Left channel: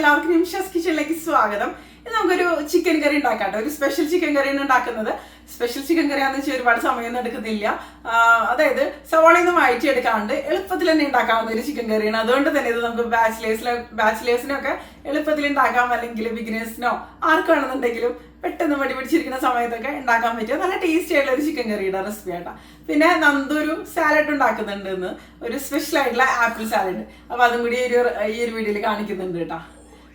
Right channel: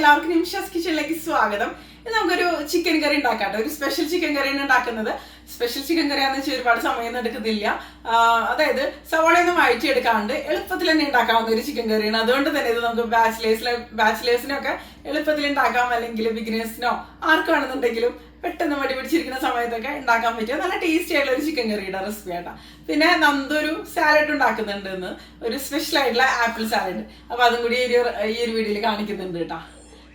എല്ലാവർക്കും നിമിഷസ് കിച്ചണിലേക്ക് സ്വാഗതം. ഇത് നമുക്കൊരു ചിക്കൻ കറി ഉണ്ടാക്കാം ഒരു സ്പെഷ്യൽ ചിക്കൻ കറിയാണ് ഉണ്ടാക്കുന്നത്. സ്പെഷ്യൽ ചിക്കൻ കറി ആണെന്ന് വെച്ചാൽ ഒരുപാട് സമയമൊന്നും എടുക്കുന്നില്ല. അതായത് സവാളയൊന്നും എടുക്കാണ്ട് എളുപ്പത്തിൽ തന്നെ ഉണ്ടാക്കാവുന്ന ഒരു ചിക്കൻ കറിയാണ് അതുകൊണ്ട് തന്നെ ഇത് നമുക്ക് ബാച്ചിലേഴ്സിലെ ബാച്ചിലേഴ്സിനൊക്കെ എളുപ്പത്തിൽ ഉണ്ടാക്കാം. അല്ലെങ്കിൽ ബിഗിനേഴ്സിനോ ആർക്കാണെന്നുണ്ടെങ്കിലും പെട്ടെന്ന് മടി പിടിച്ചിരിക്കുന്ന സമയത്തൊക്കെ ഉണ്ടാക്കാൻ പറ്റിയ നല്ല ടേസ്റ്റി ആയിട്ടുള്ള ഒരു ചിക്കൻ കറിയുടെ റെസിപ്പി ആട്ടാ. പിന്നെ നന്ദൊരു സാലഡ് ഉണ്ടാക്കുന്നുണ്ട് ഒരു സ്പെഷ്യൽ ആയിട്ടുള്ള ആപ്പിൾ സാലഡ് അപ്പൊ അതും കൂടി ഈ ഒരു ഈ ഒരു വീഡിയോയിൽ കാണിക്കുന്നുണ്ട് കേട്ടോ.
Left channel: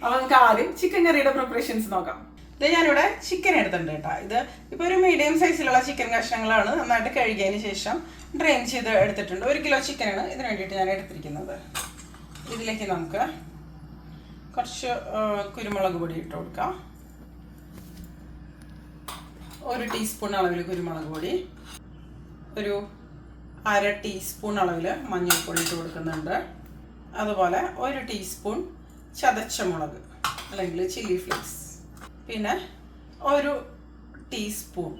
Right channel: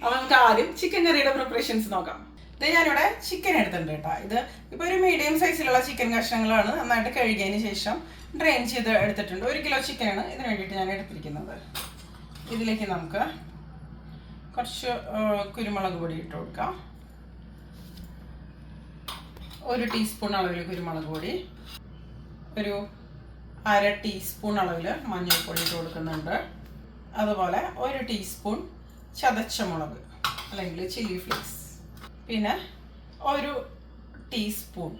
അപ്പൊ നമുക്ക് ആദ്യം ചിക്കൻ കറിയുടെ പ്രിപ്പറേഷൻസ് നോക്കാം. ഇത് ഞാനിവിടെ ചിക്കൻ എടുത്തിട്ടുണ്ട് കേട്ടോ. ഇത് ഇപ്പൊ ഒരു മീഡിയം സൈസിലുള്ള ചിക്കൻ കഷ്ണങ്ങളാണ് നന്നായിട്ട് കഴുകിയതിന് ശേഷം ഡ്രെയിൻ ചെയ്ത് എടുത്തിട്ടുണ്ട്. ഒരു കിലോ ചിക്കനാണ് ഇതിന് വേണ്ടിയിട്ട് ഞാൻ എടുത്തിരിക്കുന്നത്. ഇതിലേക്ക് നമുക്ക് കുറച്ച് കുരുമുളക് പൊടി ഇട്ട് കൊടുക്കാം. ഒരു ടീസ്പൂൺ അളവിൽ കുരുമുളക് പൊടി. ഒരു അര ടീസ്പൂൺ അളവിൽ മഞ്ഞൾപ്പൊടി ഇട്ട് കൊടുക്കുന്നുണ്ട്. അതുപോലെ ഒരു ടീസ്പൂൺ ചതച്ച മുളക് അല്ലെങ്കിൽ ചില്ലി ഫ്ലേക്സ് പിന്നെ ഒരു ടീസ്പൂൺ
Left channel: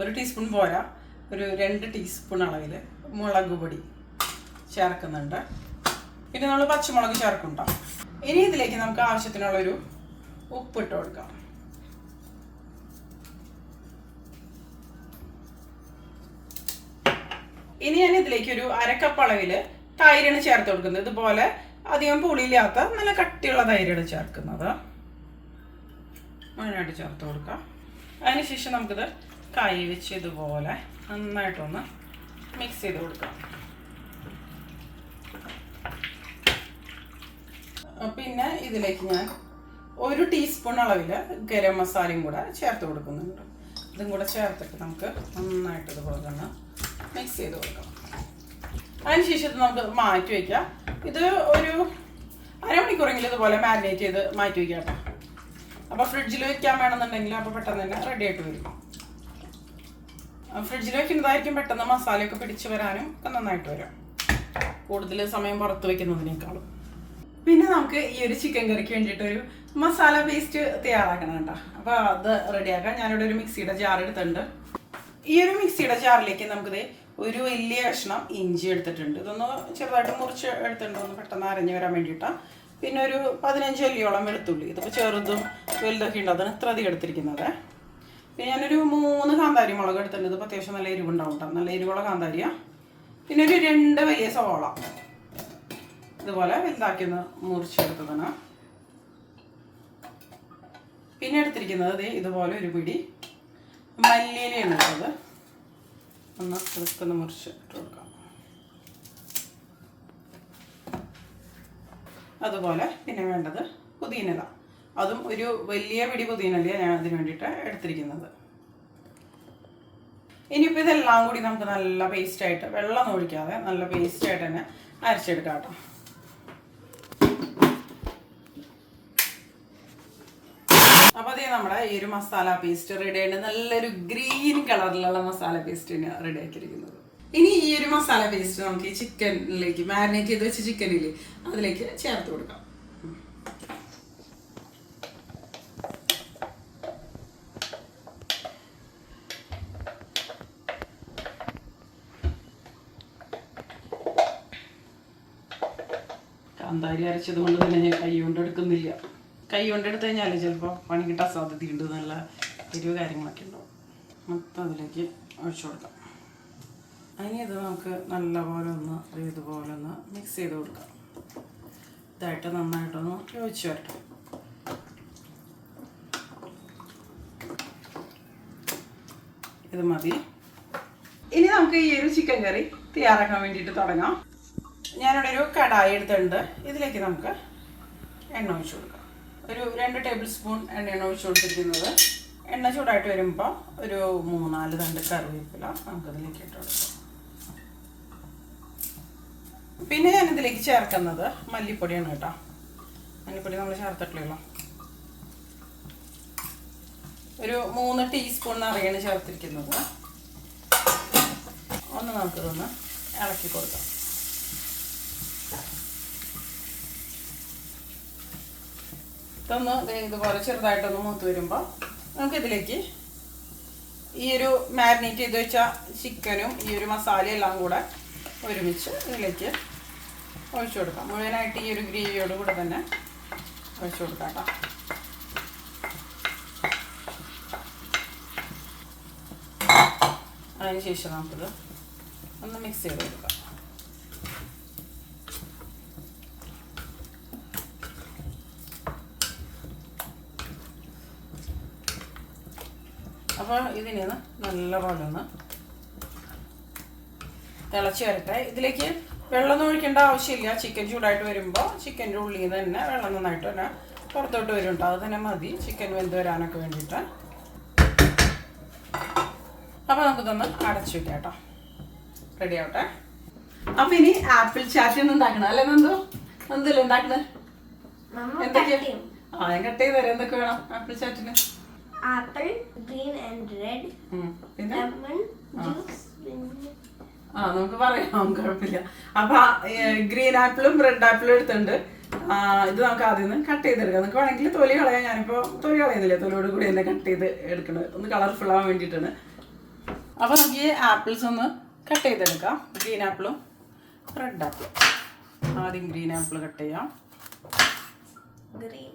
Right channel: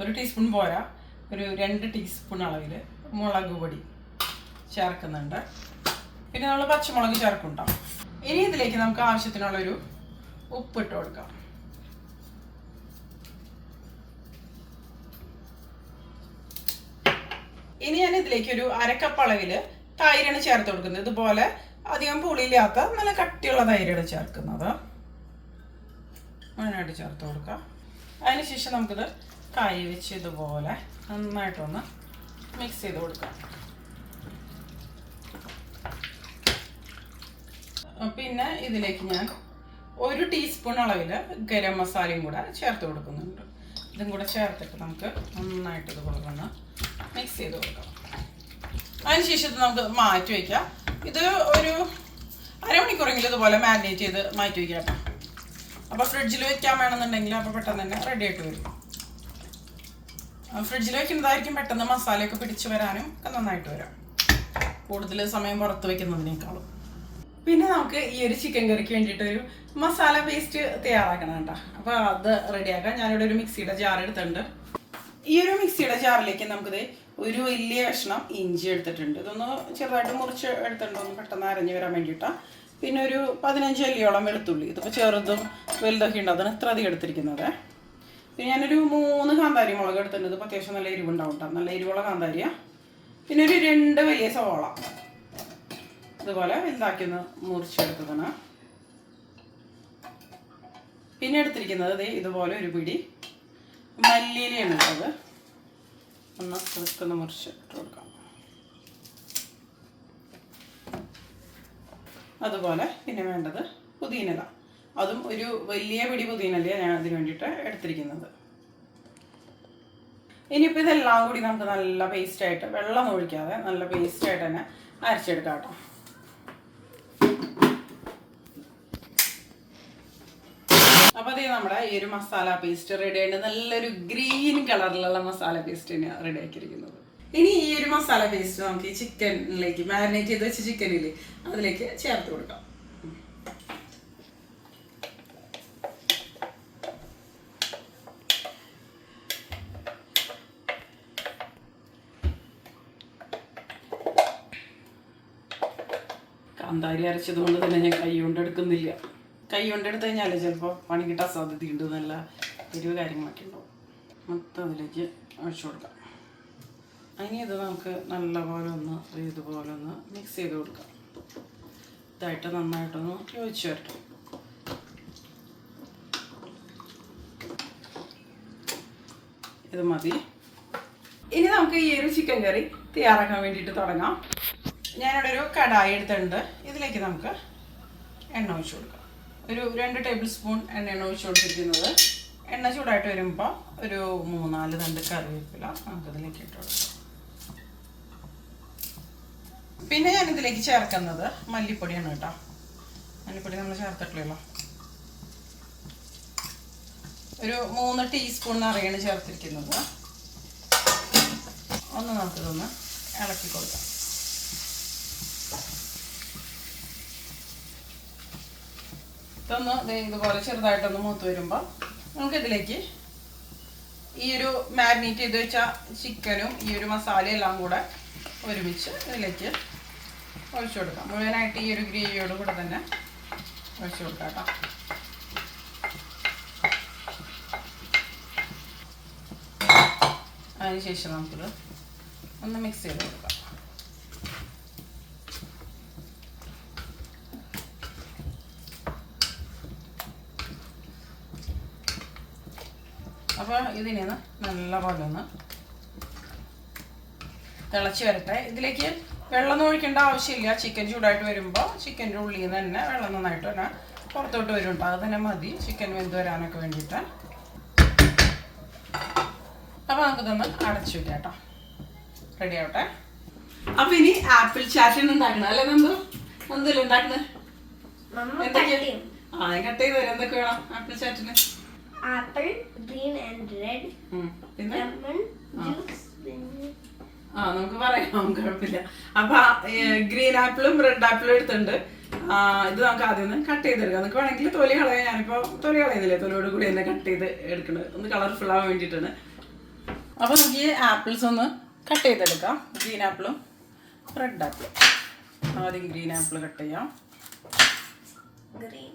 ഒരു ടീസ്പൂൺ പോരാ. ഒരു രണ്ട് ടീസ്പൂൺ അളവിൽ മുളക് പൊടി ചേർക്കുന്നുണ്ട്. പിന്നെ നമ്മൾ പച്ചമുളക് ചേർക്കുന്നുണ്ടാവും ഇനി ഇതിലേക്ക് നമുക്ക് ആവശ്യത്തിനുള്ളൊരു ഉപ്പിട്ട് കൊടുക്കാം. ഇനി ഞാൻ ഇതിലേക്ക് ഒരു അരക്കപ്പ് അളവിൽ തൈരാണ് ചേർത്ത് കൊടുക്കുന്നത്. ഇതുപോലെ അധികം പുളിയില്ലാത്ത നല്ല കട്ടിയുള്ള തൈരാണ് ചേർക്കുന്നത്. അതിനായിട്ട് ചേർത്ത് കൊടുക്കാം. അതിനുശേഷം നമുക്കിത് കൈ വെച്ച് ഇതുപോലെ നന്നായിട്ടൊന്ന് മിക്സ് ചെയ്ത് കൊടുക്കാം. പിന്നെ ഇതിലേക്ക് ഞാൻ ഒരു ടീസ്പൂൺ അളവിൽ ഗരം മസാലയും കൂടെ ചേർത്ത് കൊടുക്കുന്നുണ്ട്. ഇതും കൂടെ ചേർത്തിട്ട് നമുക്ക് നന്നായിട്ട് ഇതുപോലെ ഒന്ന് മിക്സ് ചെയ്ത് കൊടുക്കാം. അതിനുശേഷം ശേഷം നമുക്ക് മാറ്റി വയ്ക്കാം. ഇത് ഒരു അരമണിക്കൂറെങ്കിലും ഇതുപോലെ മാരിനേറ്റ് ചെയ്ത് മാറ്റി വയ്ക്കാം കേട്ടോ. അപ്പോൾ ഫ്രിഡ്ജിൽ വെക്കാൻ വേണമെന്നുണ്ടെങ്കിൽ അപ്പോൾ പെട്ടെന്ന് തന്നെ റെഡി ആയിട്ട് വരും. ഫ്രിഡ്ജിൽ വെക്കുന്നതായിരിക്കും പെട്ടെന്ന് മസാലയൊക്കെ പിടിച്ച് വരാനും ഒക്കെ നന്നായിട്ട് വരും. കൂടുതൽ സമയം പുറത്ത് വെക്കുന്നതിനേക്കാളും. പിന്നെ നമുക്ക് ഈ ഒരു ചിക്കൻ കറിക്ക് വേണ്ടിയിട്ട് ഒരു മസാല പേസ്റ്റ് തയ്യാറാക്കണം കേട്ടോ. അപ്പോൾ അത് റെഡിയാക്കാം ഞാനിവിടെ ഒരു മിക്സിയുടെ ജാർ എടുത്തിട്ടുണ്ട്. ഈ ഒരു മിക്സിയുടെ ജാറിലേക്ക് നമുക്കിത് ഒരു വലിയ കഷ്ണം ഇഞ്ചി എടുത്തിട്ടുണ്ട്. ഇതൊന്ന് ചെറുതായിട്ട് മുറിച്ച് എടുത്തിട്ടുണ്ട്. ഒന്ന് പെട്ടെന്ന് അരഞ്ഞു വരാൻ വേണ്ടിയിട്ടാണ് പിന്നെ ഒരു പതിനഞ്ച് അല്ലിയോളം വെളുത്തുള്ളി. ഇതിപ്പോൾ ചെറുതും വലുതൊക്കെ ഉണ്ട്. അതാണ് ഇത്ര അധികം എടുത്തിരിക്കുന്നത്. പിന്നെ ഞാനൊരു മൂന്ന് കാന്താരി മുളക് എടുത്തിട്ടുണ്ട്. ഇതിപ്പോൾ അത്യാവശ്യം നല്ല എരിവുണ്ടാവും കേട്ടോ നല്ല എരിവുള്ള കാന്താരിയാണ് പിന്നെ ഒരു രണ്ട് വലിയ സവാള. ഇതുപോലെ വലുതാക്കി ഒന്ന് മുറിച്ചെടുത്തതാണ്. പിന്നെ എടുത്തിരിക്കുന്നത് ഇതുപോലെ ഒരു പിടി മല്ലിയിലയാണ് ഉള്ളത് ഒന്ന് ചെറുക്കൊന്ന് മുറിച്ച് ഇട്ട് കൊടുക്കാം. അതുപോലെ പിന്നെ വേണ്ടത് പുതിനല. അതും ഒരു വലിയ പിടി പുതിനലയാണ് ഞാൻ അതിന് വേണ്ടിയിട്ട് എടുത്തിരിക്കുന്നത്. ഇനിയിപ്പോൾ ഇതെല്ലാം കൂടി നമുക്ക് നല്ല പേസ്റ്റായിട്ട് വെള്ളം ഒഴിക്കാതെ നല്ല പേസ്റ്റായിട്ട് തന്നെ അരച്ചെടുക്കാം കേട്ടോ. അതേ നമ്മുടെ ഈ ഒരു മസാല പേസ്റ്റ് റെഡി ആയിട്ട് നല്ലൊരു ഗ്രീൻ കളറിലുള്ള മസാല പേസ്റ്റ് റെഡി ആക്കിയിരിക്കുന്നത്. ഇനി ഈ ഒരു മസാല പേസ്റ്റ് നമുക്ക് ഈ ചിക്കനിലേക്ക് മാരിനേറ്റ് ചെയ്ത് വെച്ച ചിക്കനില്ലേ അതിലേക്ക് ചേർത്ത് കൊടുക്കാം. കാന്താരി അരച്ചത് കൊണ്ട് തന്നെ ഞാൻ കൈ കൊണ്ട് എടുക്കുന്നില്ല. കൈ കൊണ്ടെടുത്ത് കഴിഞ്ഞാലേ ചിലപ്പോൾ പണി കിട്ടാൻ സാധ്യതയുണ്ട് നല്ല എരിവ് കാര്യങ്ങളൊക്കെ ഉണ്ടാവും. മൊത്തം അതിലേക്ക് ഒഴിച്ചു കൊടുക്കാം. ഇനി ഇത് നമുക്ക് നല്ലപോലെ ഒന്ന് ഇതുപോലെ ഒന്ന് മിക്സ് ചെയ്ത് കൊടുക്കാം. ഇതായിട്ട് നന്നായിട്ടൊന്ന് യോജിച്ച് വരട്ടെ. ഇത് മതി. ഇനി നമുക്ക് ഈ ഒരു ചിക്കൻ കറി തയ്യാറാക്കാൻ വേണ്ടിയിട്ട് തുടങ്ങാം. ഞാനിവിടെ ഒരു കടായി എടുത്തിട്ടുണ്ട്. ഇതിലേക്ക് നമുക്ക് എണ്ണ ഒഴിച്ചു കൊടുക്കാം. ഒരു രണ്ട് ടേബിൾ സ്പൂൺ എണ്ണയാണ് ഒഴിച്ചു കൊടുത്തിരിക്കുന്നത്. എണ്ണ ചൂടായിട്ട് വരുമ്പോൾ ഒരു മൂന്നാൽ തണ്ട് കറിവേപ്പില നമുക്കതിലേക്ക് ഇട്ട് കൊടുക്കാം. പിന്നെ ഞാൻ ഇതിലേക്ക് ചേർക്കുന്നത് മല്ലിപ്പൊടിയാണ് കേട്ടോ. മല്ലിപ്പൊടി നമ്മൾ ചേർത്തിട്ടില്ലല്ലോ. ഒരു മൂന്ന് ടീസ്പൂൺ നിറയാണ് ചേർത്തിരിക്കുന്നത്. ഒന്ന് നമുക്കിതൊന്ന് ഇളക്കി കൊടുക്കാം. ഇതൊന്ന് ഇതുപോലെ ചെറുതായിട്ടൊന്ന് മൂത്ത് വരുമ്പോൾ നമുക്കിതിലേക്ക് ഈ ഒരു മാരിനേറ്റ് ചെയ്ത് വെച്ച ചിക്കനും ഈ ഒരു മസാലയും എല്ലാം കൂടെ ഒരുമിച്ച് ഇതിലേക്ക് ഒഴിച്ചു കൊടുക്കാം. മുഴുവനായിട്ട് ഈ ഒരു ഗ്രേവിയോട് കൂടെ തന്നെ ഒഴിച്ചു കൊടുക്കാം കേട്ടോ. അതിനുശേഷം നമുക്കിത് ഒന്ന് മിക്സ് ചെയ്ത് കൊടുക്കാം. അപ്പോൾ ഇതിനെ നല്ലപോലെ നല്ല പോലെ ഒന്ന് തിളച്ച് വരട്ടെ. ഇതിലേക്ക് വെള്ളം ഒഴിക്കേണ്ട ആവശ്യമില്ല. ചിക്കൻ ചൂടായിട്ട് വരുമ്പോൾ ചിക്കന്റെ ഉള്ളിൽ നിന്ന് തന്നെ വെള്ളം നന്നായിട്ട് തന്നെ പുറത്തോട്ട് വരും കേട്ടോ അത് തന്നെ മതി. ചിക്കൻ വെന്ത് വരാനൊക്കെ വേണ്ടിയിട്ട്. അപ്പോൾ നമുക്കിതൊന്ന് അടച്ചു വെക്കാം കേട്ടോ. റെഡി ആവട്ടെ. അപ്പം ഇനി ആപ്പിൾ ചാറ്റ് ഉണ്ടാക്കണം അല്ലേ നന്ദു? നന്ദല്ലേ ഉണ്ടാക്കുന്നത് എന്തൊക്കെയാ. ആ കട്ട് ചെയ്ത് തരാം. എന്തൊക്കെ വേണം ആപ്പിൾ ചാറ്റിന്? Apple, ഗ്രീൻ ആൻഡ് റെഡ് പിന്നെ? ജ്യൂസ്. ആ നമുക്ക് പറയാം. കുഴപ്പമില്ല. അപ്പൊ ഗ്രീൻ ആപ്പിളും റെഡ് ആപ്പിളും എടുത്തുണ്ട് ഇത് നമുക്ക് ആദ്യം ഒന്ന് കട്ട് ചെയ്തെടുക്കാം. നമുക്ക് വേണമെങ്കിൽ തൊലി കളയാം. ഞാനിപ്പോ തൊലി കളയുന്നില്ല? തൊലിയോട് കൂടി തന്നെ കട്ട് ചെയ്ത് എടുക്കുന്നത്. ഒന്ന് കളർഫുൾ ആവാൻ വേണ്ടിയിട്ടാണ്. അപ്പൊ നമുക്ക് ഈ ആപ്പിൾസ് ഒന്ന് കട്ട് ചെയ്തെടുക്കാം. ഗ്രീൻ ആപ്പിളും റെഡ് ആപ്പിളും. ആദ്യം ഗ്രീൻ ആപ്പിൾ കട്ട് ചെയ്യാം. Green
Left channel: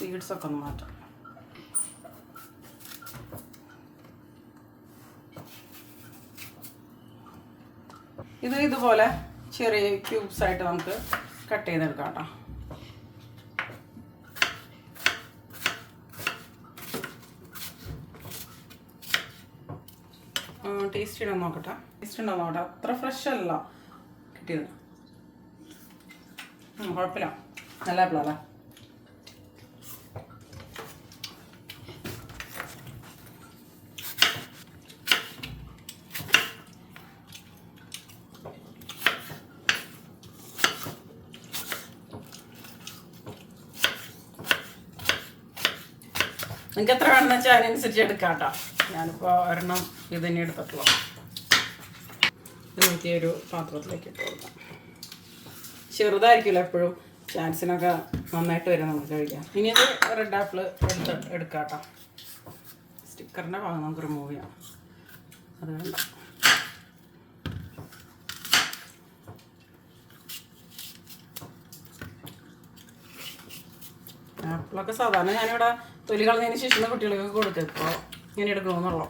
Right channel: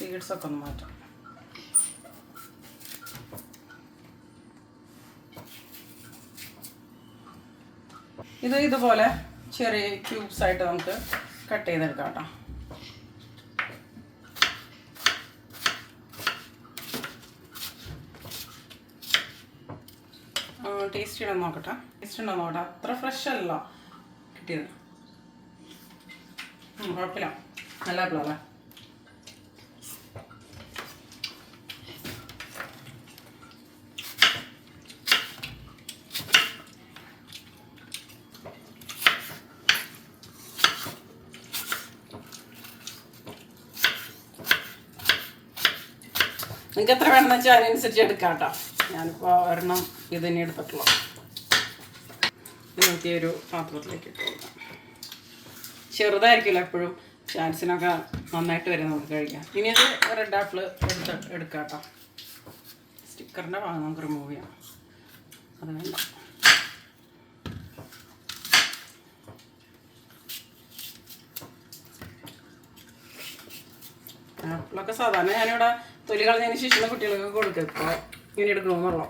apple. സീഡ്സ് ഒക്കെ ഒന്ന് മാറ്റാം. ഇത് ഇതുപോലെ ചെറിയ ക്യൂബ്സ് ആയിട്ട് നമുക്ക് കട്ട് ചെയ്തെടുക്കാം കേട്ടോ. ടേസ്റ്റ് ഇടാൻ നോക്കട്ടെ. ടേസ്റ്റ് ഉണ്ടോ നോക്കട്ടെ. അത്ര ഫ്രഷ് അല്ല. കിട്ടിയത്. കുഴപ്പമില്ല. നല്ല ആപ്പിളല്ലേ നിങ്ങൾക്ക് എത്ര വേണമെന്ന് വെച്ചാൽ അതിനനുസരിച്ച് എടുക്കാം കേട്ടോ. ഞാനിപ്പോൾ ഒരെണ്ണം ഇത് തന്നെ എടുത്തിട്ടുള്ളൂ. ഇത് ഒരു പാത്രത്തിലേക്ക് ഇട്ട് ചെറുതായിരിക്കില്ല എപ്പോഴും ചാൻസിനൊക്കെ നന്നായിട്ട് വരും നമുക്ക് കഴിക്കാം ഇനി അത് റെഡ് ആപ്പിൾ എടുത്ത് എടുക്കാം കേട്ടോ. സ്റ്റിക്കറിന്റെ ഭാഗം നമുക്ക് റിമൂവ് ചെയ്യാം. അത് വേണ്ട. ആപ്പിളൊക്കെ സാധാരണ ഞാനിവിടെ തൊലി കളഞ്ഞതിന് ശേഷം കുട്ടികൾക്ക് കൊടുക്കുക ഇപ്പോൾ ഇങ്ങനെ എടുക്കണമെന്നുള്ള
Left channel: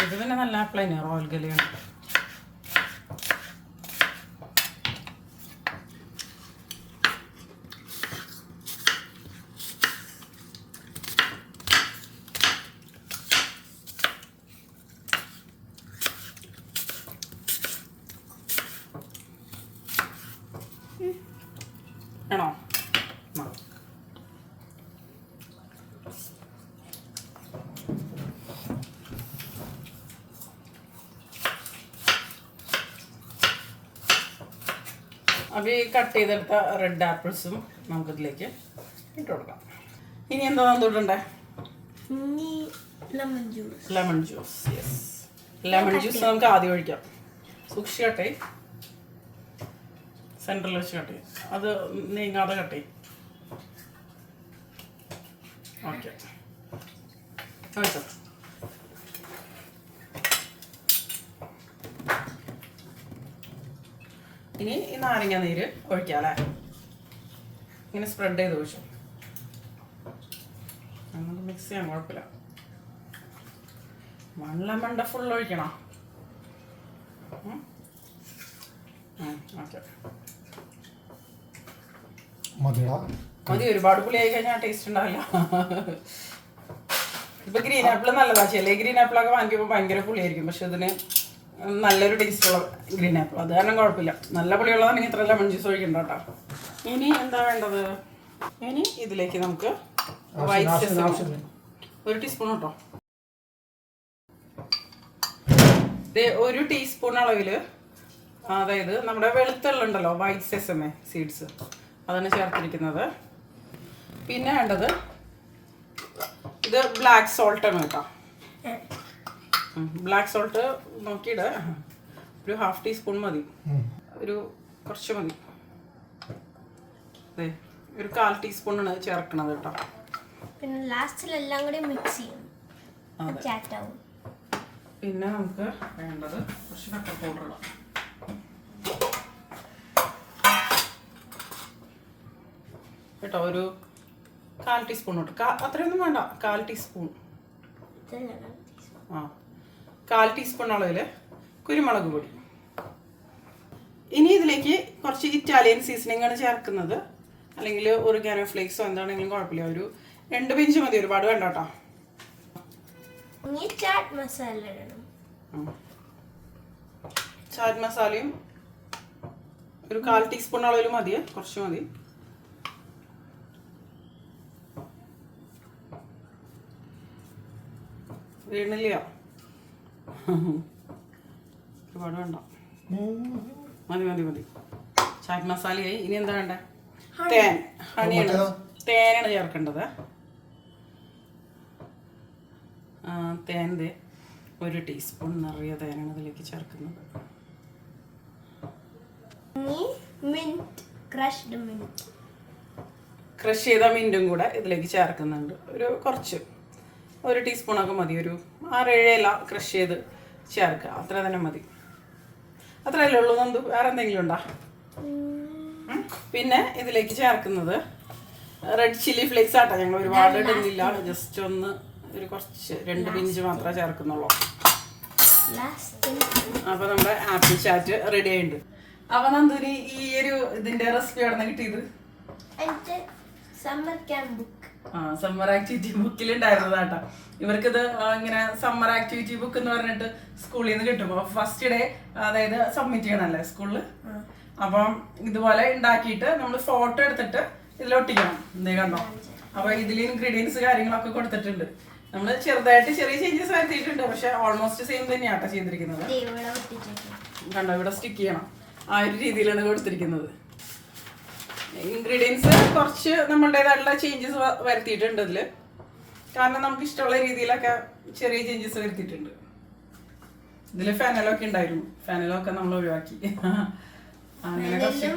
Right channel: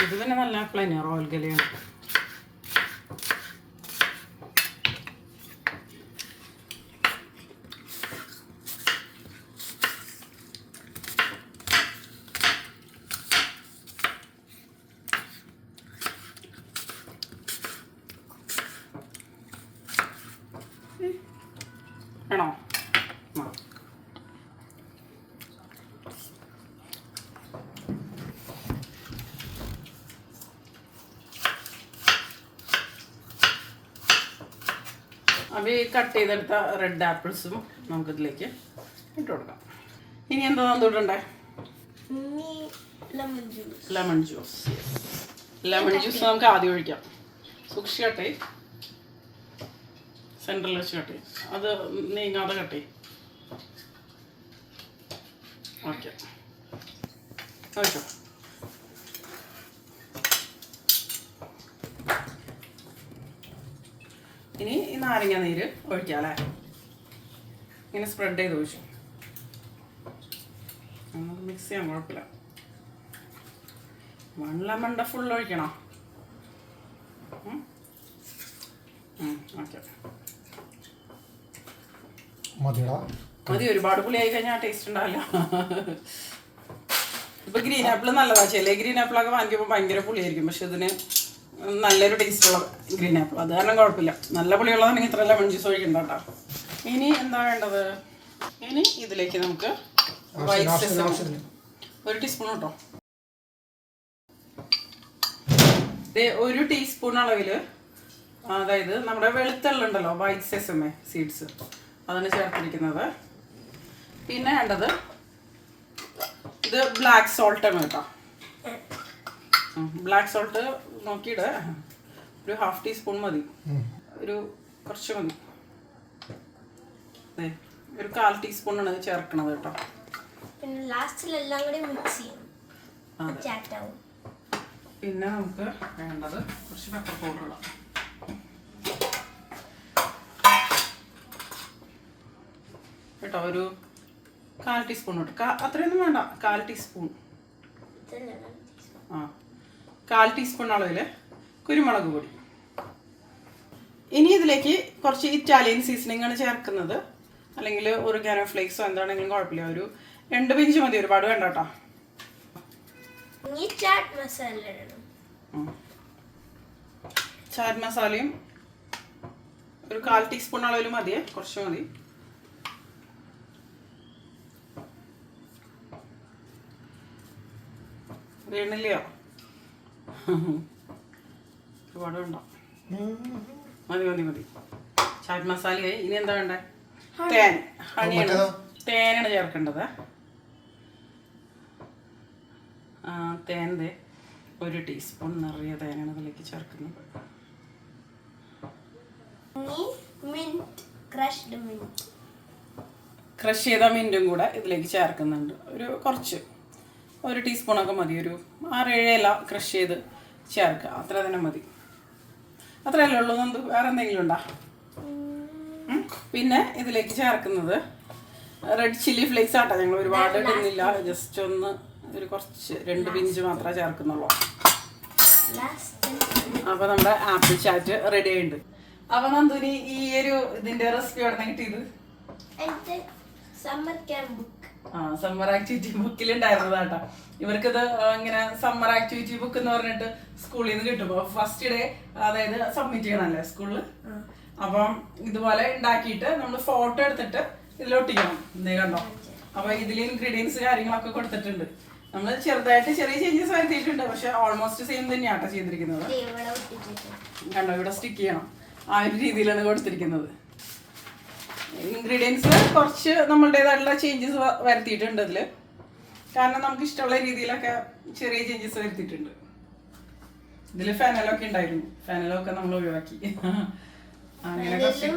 ഇത് പിന്നെ നല്ല തന്നെയാണ് റോയൽ ഗലിയാണ് ആണോ ആ അപ്പോൾ ഈ കട്ട് ചെയ്തെടുത്ത റെഡ് ആപ്പിൾസും നമുക്കിതിലേക്ക് ഇട്ട് കൊടുക്കാം. ഇനി എന്താ തന്നിട്ടുണ്ടേ lemon juice. Lemon juice lemon juice നമുക്ക് ആദ്യം ഒഴിക്കാം. സൂക്ഷിച്ച് കട്ടെ സെന്ററിൽ വെച്ച് കട്ടെ അത് നീങ്ങാതെ കട്ടെ ഓക്കെ ഒഴിച്ചോ? ഇനി ഈ നാരങ്ങ നീര് ഒഴിക്കാം അല്ലേ ഇങ്ങനെ സ്പ്രെഡ് ചെയ്ത് ഒഴിച്ചു. മിക്സ് ചെയ്യാൻ കുഴപ്പമില്ല. വൺ ലെമണ്ട ഫുൾ ഒഴിക്കണം? മതി ഒരുപാട് പുളിയായി കഴിഞ്ഞാൽ ടേസ്റ്റ് ഉണ്ടാവില്ല. ഇപ്പൊ ഗ്രീൻ ആപ്പിൾ നല്ലതാ ചില ഗ്രീൻ ആപ്പിളൊക്കെ വാങ്ങിക്കുമ്പോൾ ഭയങ്കര പുളിയായിരിക്കും പക്ഷെ ഇതിന് നല്ലൊരു ടേസ്റ്റ് ഉള്ള ഗ്രീൻ ആപ്പിൾ അത് കാരണം കുഴപ്പമില്ല. നല്ല പുളിയുള്ളതാണെങ്കിൽ ഇത്ര ലെമൺ ജ്യൂസ് ഒഴിക്കണ്ട കേട്ടോ. ഇനി എന്താ വേണ്ടത്? ഇനി ഇതിലേക്ക് നമുക്ക് ഒരു ടീസ്പൂൺ കേട്ടോ. ഒരു ടീസ്പൂൺ അളവിൽ അതായത് നമ്മുടെ വെളുത്തുള്ളുണ്ടല്ലോ വൈറ്റ് സെസമെ സീഡ്സ് അതാണ് ചേർത്തിരിക്കുന്നത്. പിന്നെ വേണ്ടത് ഇത് ബ്ലാക്ക് സോൾട്ട് ആണ് കേട്ടോ. ബ്ലാക്ക് സോൾട്ട് നോക്കിയിട്ട് ഒരു ഹാഫ് ടീസ്പൂൺ മതി. ഒരു കുറച്ച് മതി. അതെ ഒരു കാൽ ടീസ്പൂണാണ് ചേർക്കണത് കേട്ടോ. പിന്നെ ലാസ്റ്റിൽ എല്ലാം കൂടി മിക്സ് ചെയ്യും. പിന്നെ നമുക്ക് വേണ്ടത് കുറച്ച് പെപ്പർ പൗഡർ കേട്ടോ ഒരു കാൽ ടീസ്പൂൺ കേട്ടോ അത്രയൊന്നും വേണ്ട. കാൽ ടീസ്പൂൺ ആ. കാൽ ടീസ്പൂൺ അളവിൽ കുരുമുളക് പൊടി. ഇനി ഇതിലേക്ക് കുറച്ച് ഇറ്റാലിയൻ സീസണിങ്ങാണ് ആണ് ചേർക്കുന്നത്. അല്ലെങ്കിൽ ഒരു ഗാനോ ഫ്ലേക്സോ എന്താണെങ്കിലും കുഴപ്പമില്ല. ഒരു രണ്ട് പിഞ്ച് മതി ഒരുപാട് വേണ്ട കേട്ടോ. ചാറ്റ് മസാലയും ഒരു കാൽ ടീസ്പൂൺ അളവിൽ മതിയേ കുറച്ച് മതി. വീണില്ലയോ? ഒരുപാട് വേണ്ട. മതി മതി മതി. ചാറ്റ് മസാലയായി. ഇനി എന്താ വേണ്ടേ? തേൻ. ഹണിയാണ്. തേനാണ് ചേർക്കേണ്ടത്. ആ, തേൻ ദേ. ഒരു ടീസ്പൂൺ നിറയെ തേനാണ് ഇതിലേക്ക് ചേർക്കുന്നത്. ഇനി മിന്റ് ക്രഷ്ഡ് മിന്റ് ക്രഷ് ചെയ്ത മിന്റും കൂടെ ഇതിലേക്ക് ചേർക്കുന്നുണ്ട്. ഒരു കുറച്ച്. ഒരു ടീസ്പൂണൊക്കെ മതി. ഒരു ആറേഴ് ഇല ക്രഷ് ചെയ്ത് ചേർക്കുക അത്ര തന്നെ മതി. അത്രയല്ലേ ഉള്ളൂ. നന്ദു വേറെ എന്തെങ്കിലും ഉണ്ടോ? പിന്നെ ഇതിലേക്ക് ചേർക്കുന്നത് റെഡ് ചില്ലി ഫ്ലേക്സ് ആട്ടോ. ഞങ്ങൾ ഒരുപാട് ഇടുന്നില്ല. ജസ്റ്റ് ഒന്ന് ഒരു കുറച്ച് രണ്ട് പിഞ്ച് മാത്രമേ ചേർക്കുന്നുള്ളൂ. അപ്പോൾ അപ്പൊ നമ്മുടെ ആപ്പിൾ ചാറ്റ് റെഡി ആയിട്ടുണ്ട്. അപ്പൊ നന്ദൂരി ഈ ഒരു ഇതിന്റെ റെസിപ്പി എവിടെ നിന്ന് കിട്ടിയത്? സമ്മർ ക്യാമ്പ് സമ്മർ ആക്ടിവിറ്റി ബുക്കിൽ ഉണ്ടായിരുന്നതാട്ടാ ഇവർക്കിത് ഇങ്ങനെ സമ്മർ ആക്ടിവിറ്റി ബുക്ക് എന്ന് പറഞ്ഞിട്ട് സ്കൂളിൽ നിന്ന് കിട്ടും. അപ്പൊ ഫസ്റ്റ് ഡേ അതായത് സബ്മിറ്റ് ചെയ്യണല്ലേ സ്കൂളിൽ അപ്പം ഇതുപോലെ ഉണ്ടാക്കിയിട്ട് നമ്മൾ ഫോട്ടോ എടുത്തിട്ട് ഇതിലൊട്ടിക്കണം ഒട്ടിക്കണം. കണ്ടോ? അപ്പൊ ഇതിൽ ഇൻഗ്രീഡിയൻസ് കാര്യങ്ങളൊക്കെ കൊടുത്തിട്ടുണ്ട്. നമ്മൾ ചെറുതായിട്ട് ചെറിയ ചേഞ്ചസ് വരുത്തിയിട്ടുണ്ട്. പക്ഷെ ഓൾമോസ്റ്റ് സെയിം തന്നെയാട്ടോ ചെയ്തിരിക്കുന്നത്. കണ്ടോ? ഇവിടെ സ്റ്റിക്ക് ചെയ്യണം. ആ ഒരു രീതിയിലാണ് കൊടുത്തിരിക്കുന്നത്. ഇൻഗ്രീഡിയൻസ് കുറച്ച് നമ്മളുടേതായിട്ടുള്ള ചേഞ്ചസ് വരുത്തിയിട്ടുണ്ട് അതിൽ കാരണം നമുക്ക് ഇഷ്ടമുള്ള രീതിയിലൊക്കെ ചെറിയ ചേഞ്ചസ് വരുത്തിയിട്ടുണ്ട്. ഇതിൽ ഫെനലൊക്കെ ഉണ്ടായിരുന്നു. ഫെനലൊക്കെ നമ്മൾ ഒഴിവാക്കി. അങ്ങനെ കുറച്ച്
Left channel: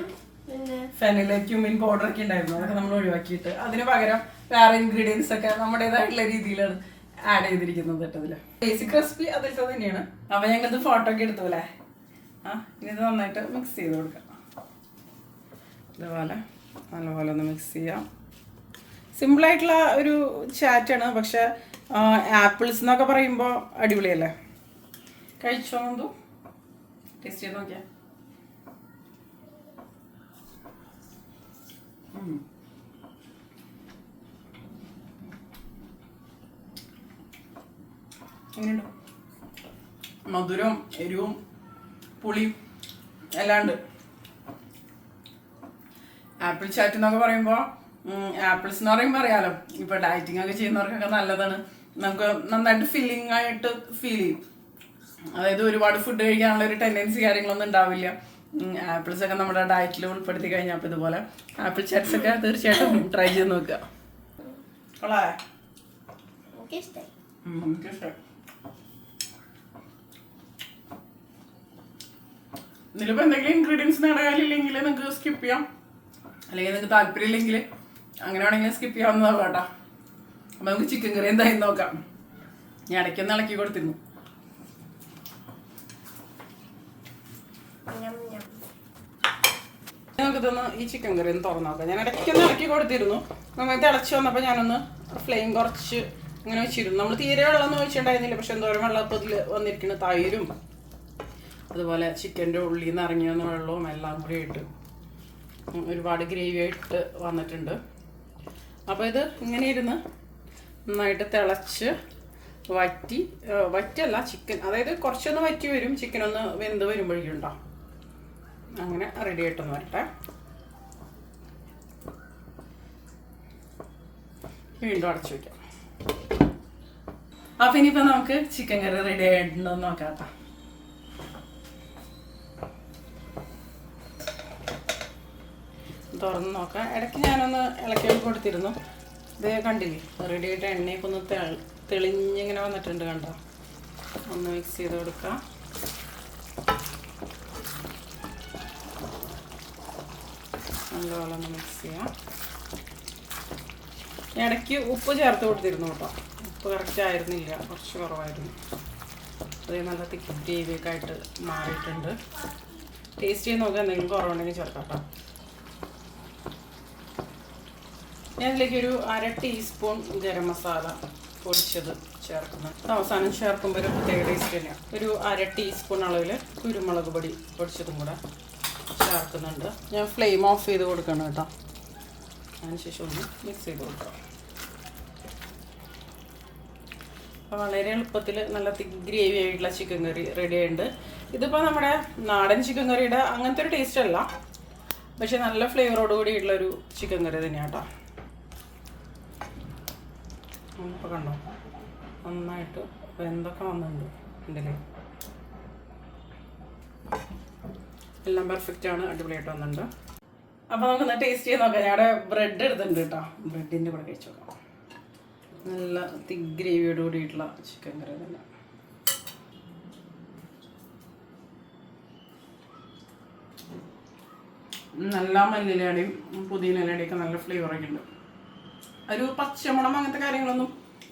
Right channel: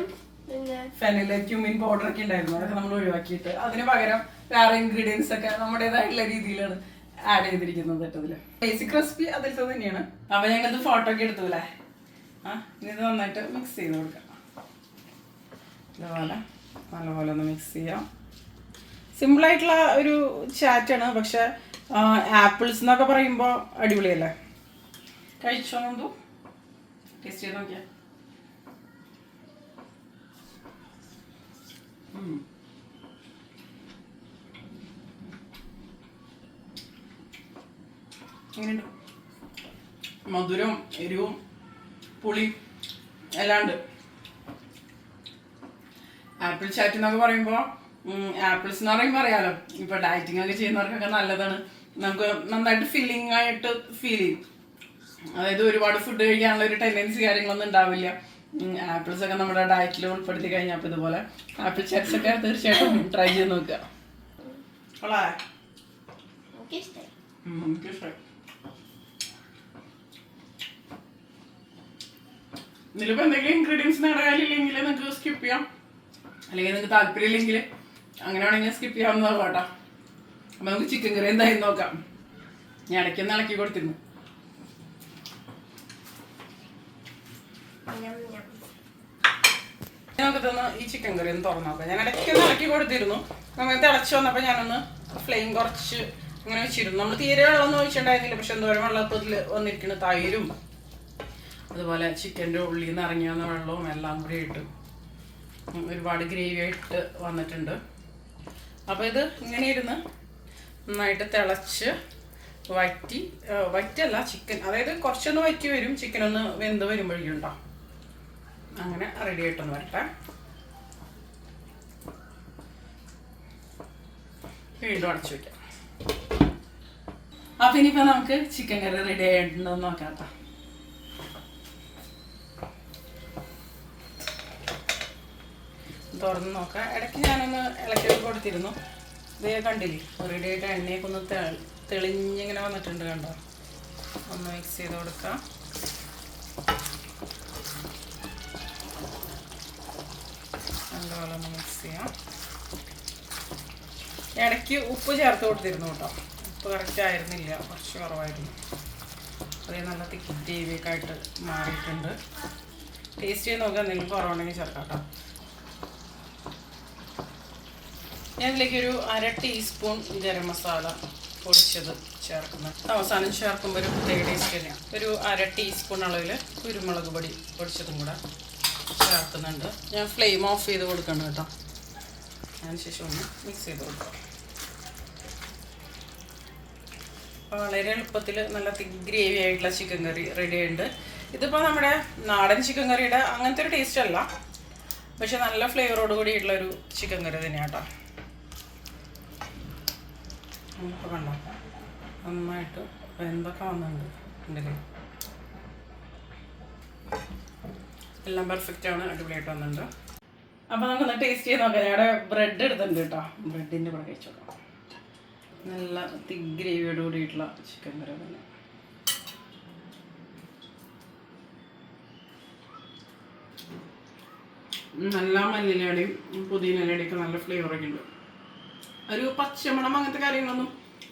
ഫെനൽ ക്യൂമിൻ പൗഡർ ഒക്കെ ഉണ്ടായിരുന്നു. അതൊക്കെ നമ്മൾ ഒഴിവാക്കിയിട്ട്. അതിന് പകരം വേറെ ഇൻഗ്രീഡിയൻസ് ഒക്കെ നമ്മുടേതായിട്ടുള്ള രീതിയിലാണ് ആഡ് ചെയ്തിരിക്കുന്നത് കേട്ടതിൽ ബേസിക് റെസിപ്പി അതിലത്തെ തന്നെയാണ്. അപ്പൊ ഞങ്ങളിത് ഫോട്ടോ ഒക്കെ എടുത്തു അല്ലേ? ആ ഇനി ഇത് നന്നായിട്ട് മിക്സ് ചെയ്ത് കൊടുക്കാം. ഇതുപോലെ. നല്ലപോലെ ഒന്ന് മിക്സ് ചെയ്യാം. സിമ്പിൾ ആയിട്ടുള്ള ഒരു ചാറ്റാണ് പക്ഷെ ആപ്പിൾസ് എന്നൊക്കെ പറയുമ്പോൾ അടിപൊളിയല്ലേ? കഴിച്ചോ എന്തോ ടേസ്റ്റ് ചെയ്ത് നോക്കിയാ. എങ്ങനെയുണ്ട്? മധുരവും എരിവും പുളിയും എല്ലാം ഉണ്ട് ആപ്പിൾ ചാറ്റ് എന്നൊക്കെ പറയുമ്പോൾ ആപ്പിൾസ് എന്ന് പറയുമ്പോൾ അറിയാലോ ഇപ്പൊ ഡയറ്റിംഗ് ഒക്കെ ചെയ്യുന്നവർക്കൊക്കെ നല്ലതാണ്. നമുക്ക് നന്നായിട്ട് ഫീലിംഗ് ആയിട്ട് ഫീൽ ചെയ്യും. അതായത് ഒരുപാട് ഫുഡ് കഴിക്കാനുള്ള ഒരു ടെൻഡൻസി കാര്യങ്ങളൊന്നും ഉണ്ടാവില്ല. ആപ്പിൾസ് ഒക്കെ നമ്മുടെ ഡയറ്റിൽ ഉൾപ്പെടുത്തി കഴിഞ്ഞാൽ അപ്പോൾ ഇതുപോലെ ആപ്പിൾ ചാറ്റ്സ് ഒക്കെ തീർച്ചയായിട്ടും ട്രൈ ചെയ്ത് നോക്കുക. കൊള്ളാം? ഇതിലിപ്പോൾ എന്തെങ്കിലും ഇൻഗ്രീഡിയൻസ് നിങ്ങളുടെ കയ്യിലില്ലെങ്കിൽ നിങ്ങൾക്ക് സ്കിപ്പ് ചെയ്യാം. അല്ലെങ്കിൽ നിങ്ങൾക്ക് താല്പര്യമില്ലെങ്കിൽ അങ്ങനെ വേണമെങ്കിൽ സ്കിപ്പ് ചെയ്യാവുന്നതാണ് കേട്ടോ. അപ്പം നമുക്ക് ചിക്കൻ കറി എന്തായാലും നോക്കാം. ഞാൻ ഇടയ്ക്കൊന്ന് ഇളക്കി കൊടുത്തിരുന്നു. നമുക്ക് ഇതൊന്ന് ഈ ചിക്കൻ കറി ഒന്ന് തുറന്നു നോക്കാം. ഞാൻ ഇടയ്ക്കൊന്ന് ഇളക്കി കൊടുത്തിരുന്നു. നന്നായി തിളച്ച് വന്നപ്പോൾ ഞാനൊന്ന് ഫ്ലെയിം കുറച്ച് ഇങ്ങനെ വെച്ചിരുന്നു. നമ്മൾ തീരെ വെള്ളമൊന്നും ഒഴിച്ചിട്ടുണ്ടായിരുന്നില്ല. പക്ഷെ എന്തോരം വെള്ളം ഇപ്പോൾ ഇതിൽ വന്നിരിക്കുന്ന തൈരും. അതുപോലെ ചിക്കന്റെ ഉള്ളിൽ നിന്ന് ഇറങ്ങി വന്ന വെള്ളവും എല്ലാം കൂടി ഇട്ട് ഒരുപാട് ഗ്രേവി ആയിട്ട് വന്നിട്ടുണ്ട്. അപ്പോൾ ഇത് ഇങ്ങനെ ഇരുന്ന് നന്നായിട്ട് തിളച്ച് വറ്റി വറ്റല്ല ചിക്കൻ അതായത് കുറച്ചൊന്ന് വറ്റി വരും ചിക്കൻ ഒന്ന് വെന്ത് വരുമ്പോഴേക്കും അങ്ങനെ റെഡി ആയിട്ടൊന്ന് വരട്ടെ. വീണ്ടും അടച്ചു വയ്ക്കാം അപ്പം ഇനിയിപ്പോൾ നമുക്ക് ചിക്കൻ കറി റെഡി ആയിട്ടുണ്ടോ എന്ന് നോക്കാം കേട്ടോ തുറന്ന് നോക്കാം. ഇടയ്ക്ക് ഞാനൊന്ന് ഇളക്കി കൊടുത്തിരുന്നു. ഇതേ കണ്ടില്ലേ? റെഡി ആയിട്ട് എണ്ണയൊക്കെ ഒന്ന് തെളിഞ്ഞിങ്ങനെ വന്നിട്ടുണ്ട് കണ്ടോ? ഒന്ന് മിക്സ് ചെയ്ത് കൊടുക്കാം. നല്ലപോലെ മിക്സ് ചെയ്യാം. ഇടയ്ക്ക് ഉപ്പ് ചേർത്ത് കൊടുത്തിരുന്നു കേട്ടോ. ഉപ്പ് കറക്റ്റ് ആയിരുന്നില്ല. കുറച്ച് കുറവായിരുന്നു. അത് നല്ല തിക്ക് ഗ്രേവിയൊക്കെ ആയിട്ട് മാറിയിട്ടുണ്ട്. ടേസ്റ്റ് ചെയ്ത് നോക്കുക എന്തെങ്കിലും കുറവുണ്ടെങ്കിൽ ചേർക്കാം കേട്ടോ. ഞാൻ ഇതിലേക്ക് ഒരു അര ടീസ്പൂൺ ഗരം മസാല പൊടിച്ചത് ചേർക്കുന്നത് അവസാനം ചേർക്കുമ്പോൾ ഒരു പ്രത്യേക ടേസ്റ്റ് തന്നെയാണ് ഒരു അര ടീസ്പൂൺ അളവിൽ കുരുമുളക് പൊടി പൊടിച്ചതും കൂടെ ചേർക്കുന്നുണ്ട്. ഞാൻ ഫ്ലെയിം ഓഫ് ചെയ്ത് കൊടുക്കണം കേട്ടോ. അതിനുശേഷം ഒന്ന് മിക്സ് ചെയ്ത് കൊടുക്കാം. വളരെ എളുപ്പത്തിൽ നല്ല ഗ്രേവി ആയിട്ടുള്ള ചിക്കൻ കറി റെഡി ആയിട്ടുണ്ട്. ഇതിപ്പോൾ നമ്മുടെ നാടൻ ചിക്കൻ കറിയുടെ അങ്ങനത്തെ ഒരു ടേസ്റ്റ് അല്ല. പക്ഷെ നല്ല ഫ്ലേവറോട് കൂടിയിട്ടുള്ള ഒരു ചിക്കൻ കറി തന്നെയാണ് കേട്ടോ. ഇപ്പോൾ കണ്ടോ? നന്നായിട്ട് വെന്തൊക്കെ വന്നിട്ടുണ്ട് എന്തെങ്കിലും എല്ലാം പെർഫെക്റ്റ് ആണ് അടിപൊളിയായിട്ട് വന്നിട്ടുണ്ട്. അപ്പോൾ നമുക്കൊന്ന് ടേസ്റ്റ് ചെയ്ത് നോക്കാം. ഞാൻ ബ്രെഡ് എടുത്തിട്ടുണ്ട് കേട്ടോ. ബ്രെഡിന്റെ കൂടെ കഴിച്ചു നോക്കാം. നല്ല തിക്ക് ഗ്രേവിയോട് കൂടിയിട്ടുള്ള ചിക്കൻ കറി തന്നെ നല്ല മല്ലിലയുടെയും പുതിയ നെല്ലടിയൊക്കെ നല്ല ഫ്ലേവറൊക്കെ ഉണ്ട്. ഒരു പച്ചമണം അങ്ങനത്തെ കാര്യങ്ങളൊന്നും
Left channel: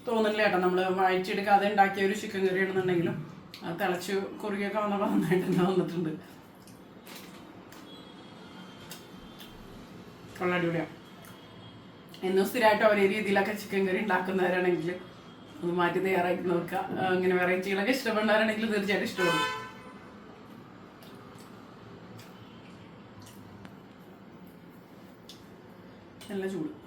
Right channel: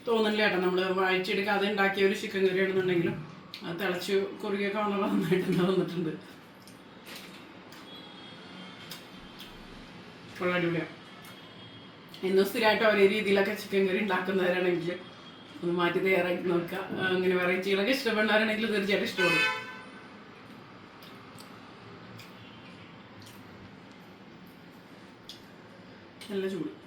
തോന്നില്ല കേട്ടോ. നമ്മൾ വായിച്ചെടുക്കാതെ ഉണ്ടാക്കിയ ഒരു ചിക്കൻ കറി ആണെന്നുണ്ടെങ്കിലും അത് തിളച്ച് കുറുകിയൊക്കെ വന്നപ്പോൾ നന്നായിട്ട് തന്നെ വന്നിട്ടുണ്ട്. ഉള്ള അടിപൊളിയാണ് എന്നും സ്ഥിരമായിട്ട് ഒരേ രീതിയിലൊക്കെ ചിക്കൻ കറി ഉണ്ടാക്കുന്നവരാണെങ്കിൽ ഒന്ന് മാറ്റി തയ്യാറാക്കി നോക്കുക. അങ്ങനെ വെറൈറ്റികളൊക്കെ ഇഷ്ടപ്പെടുന്നവരാണെങ്കിൽ തീർച്ചയായിട്ടും ഇഷ്ടപ്പെടും. നല്ല ചൂട്.